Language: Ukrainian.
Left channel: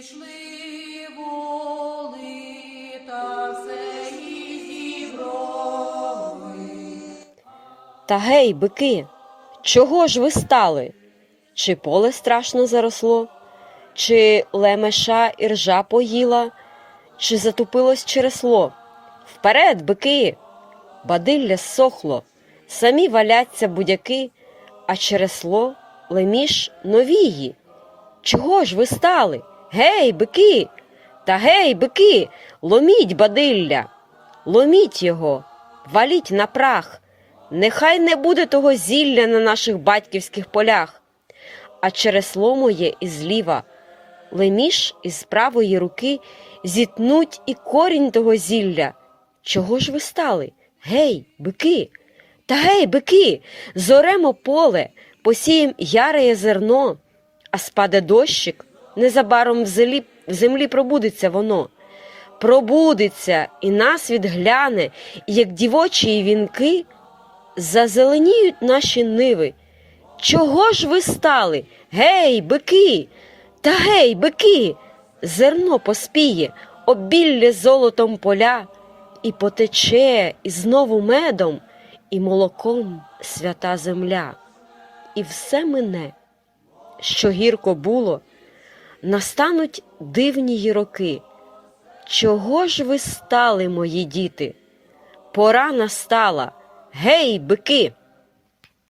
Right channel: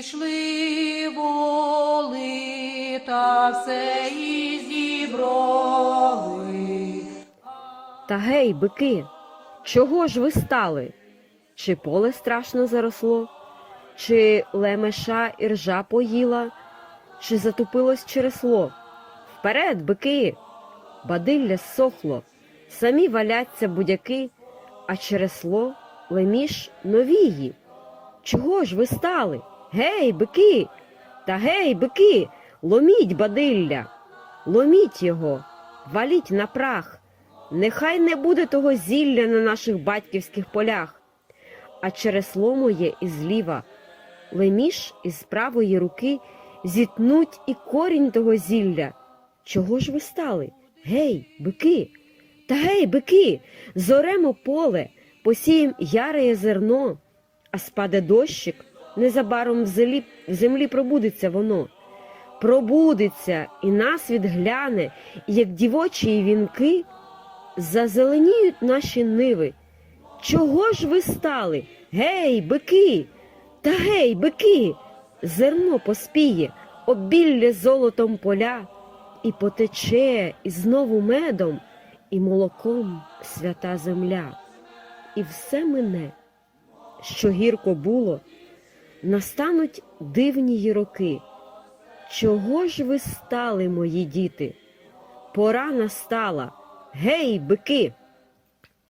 Зійшли воли та все і зібрали. Та гей, бики, чого ж ви стали? Чи поле страшно заросло, чи лемеша і ржа поїла, чи затупилось чересло? Вперед, бики! Бадилля сохло, самі валяться будяки, а чересло леміш новії. Чого ж ви стали? Гей, бики! Та гей, бики, ломіть бадилля, ломіть його, валіть на прах. Нехай не буде того зілля на наших батьківських полях, а чересло моє і зліва, леміш із правої руки зітнуть і корінь того зілля. Чого ж ви стали? Гей, бики! Та гей, бики! Зоремо поле, посієм яреє зерно, а спаде дощик, незабаром в землі, в землі пробудеться воно. Пробудеться і нас відгляне, і як дівочі вінки зазеленіють наші ниви. Чого ж ви стали? Гей, бики! Та гей, бики! Зерно поспіє, обілля золотом поля, і потече, і знову медом, і молоком свята земля. І все мине, що гірко було, настануть дивні роки. Чого ж ви стали, мої діти? Пора настала. Гей, бики!